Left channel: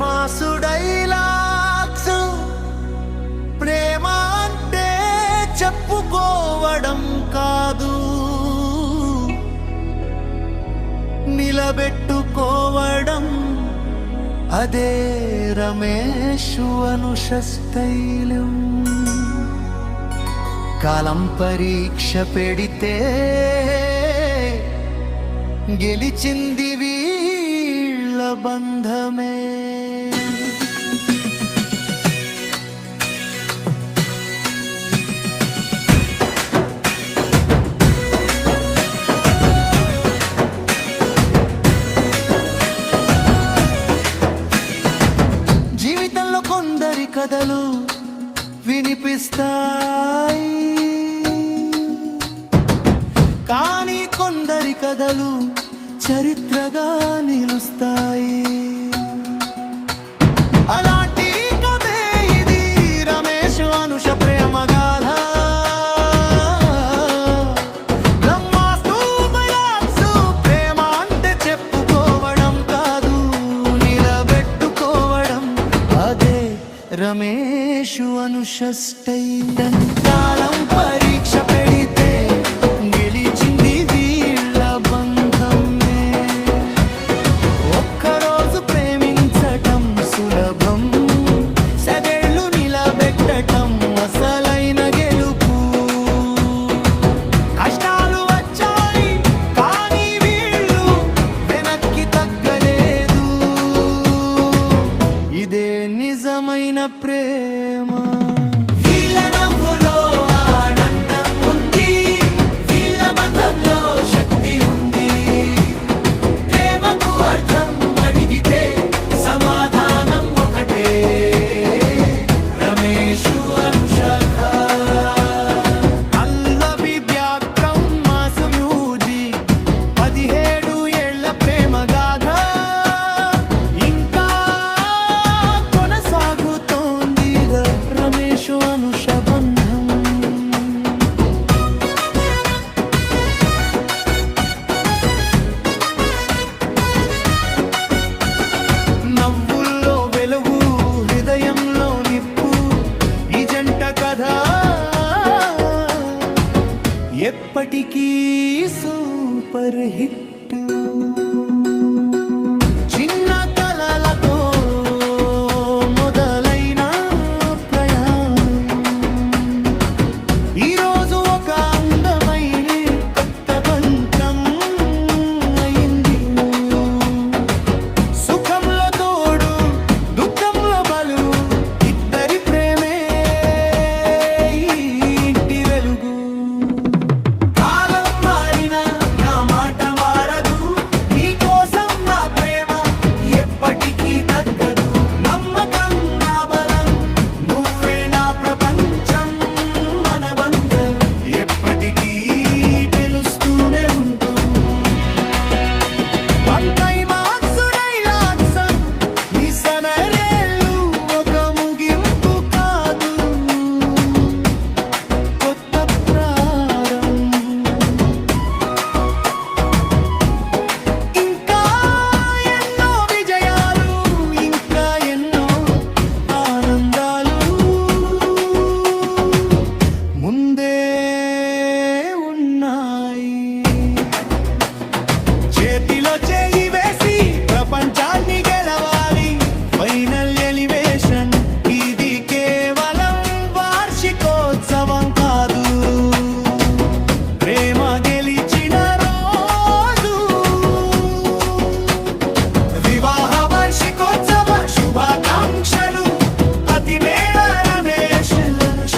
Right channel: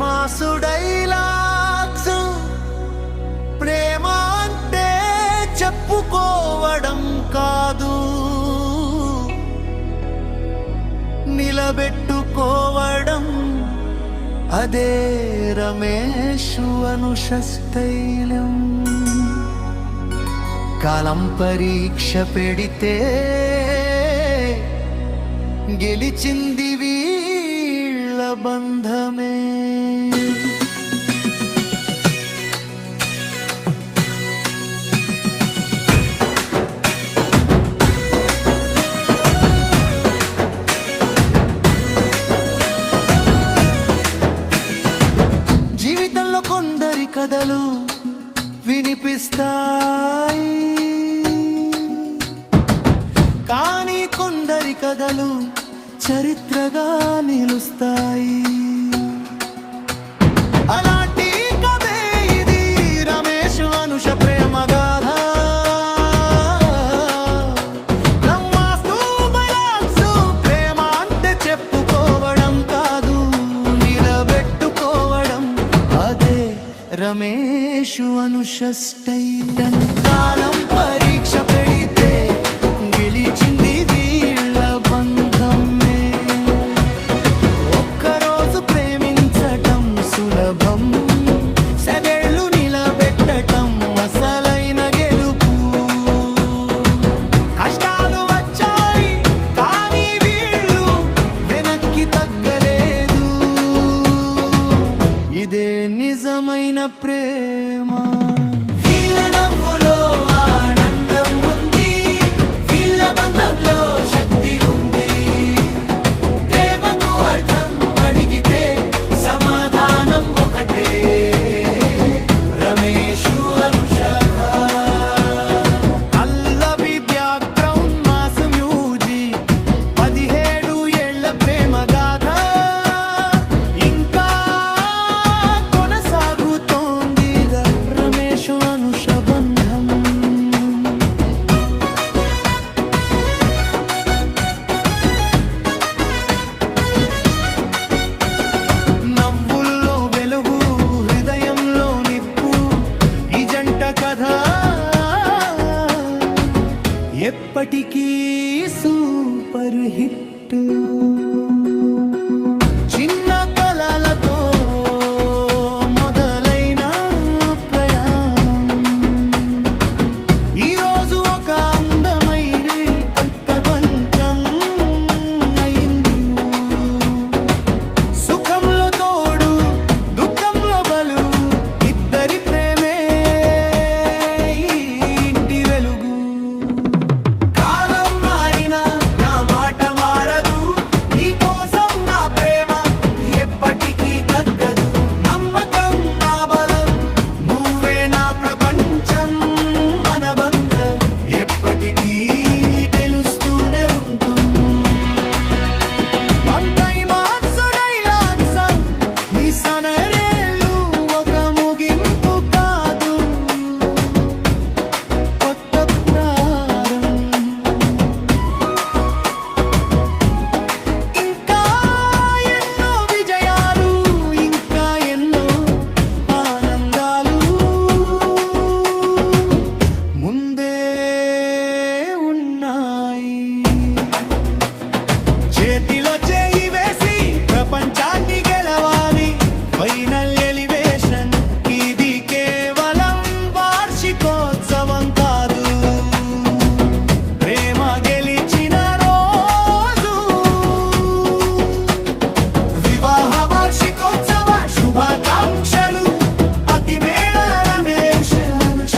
Mass dialogues ప్రేమ అంటే చెప్పుకోవడం కాదు, నిలబెట్టుకోవడం. అదే రమేష్ అనుష స్థైర్యం. కాలం పరీక్ష పెడితే గెలిచింది వీళ్ళ బంధమే. జీవితంలో కొందరి కథలు వినిపిస్తాయి, కానీ కొందరి కథలు చరిత్రగా నిలుస్తాయి. అలాంటి కథే ఇది రమేష్ అనుష ప్రేమ గాథ. ప్రేమ అంటే చెప్పుకోవడం కాదు, నిలబెట్టుకోవడం. అదే రమేష్ అనుష స్టైల్. కాలం పరీక్ష పెడితే గెలిచింది వీళ్ళ బంధమే. ఒక్కరోజు ప్రేమించటం సులభం, సగేళ్ళు నిలబెట్టటం అసలైన గెలుపు. కష్టాలు వచ్చాయి కానీ వీళ్ళు వెనక్కి తగ్గలేదు. ఇదే నిజమైన ప్రేమ. నవ్వుల్లో వెలుగు, హృదయంలో నిప్పు, ఈ జంట కథ ఎప్పటికీ సూపర్ హిట్. చిన్న కలలతో మొదలైన ప్రయాణం ఈరోజు ఒక అందమైన ప్రపంచం అయింది. సుఖంలో తోడు, దుఃఖంలో బలు, ఇద్దరి ప్రేమే ఇంటి వెలుగు. కాలం మారినా నా మాట మారదు, నీ కోసం నా ప్రేమ ఎప్పటికీ తగ్గదు. నమ్మకం నా బలం, నువ్వే నా ప్రపంచం. మన బంధం ఎప్పటికీ తెలుస్తూనే ఉంటుంది. వంకై మార్క్స్ డైలాగ్స్ నీ సనరేళ్ళు ఒక ముగింపు కాదు, కొత్త ప్రారంభం. ఇంకా ఎన్నో విజయాలు, ఇంకా ఎన్నో ఆనందాలు ముందే ఉన్నాయి. చేతిలో చేయి వేసి ప్రపంచాన్ని గెలవాలి. ఫైనల్ ఎలివేషన్ ఇది కేవలం వార్షికోత్సవం కాదు, ప్రేమ గెలిచిన రోజు. వివాహ వార్షికోత్సవ శుభాకాంక్షలు. అతి మేళ రమేష్ అనుష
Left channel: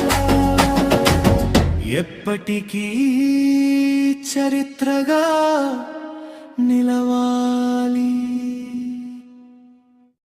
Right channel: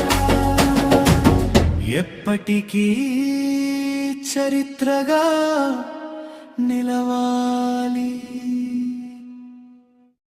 ఎప్పటికీ చరిత్రగా నిలవాలి.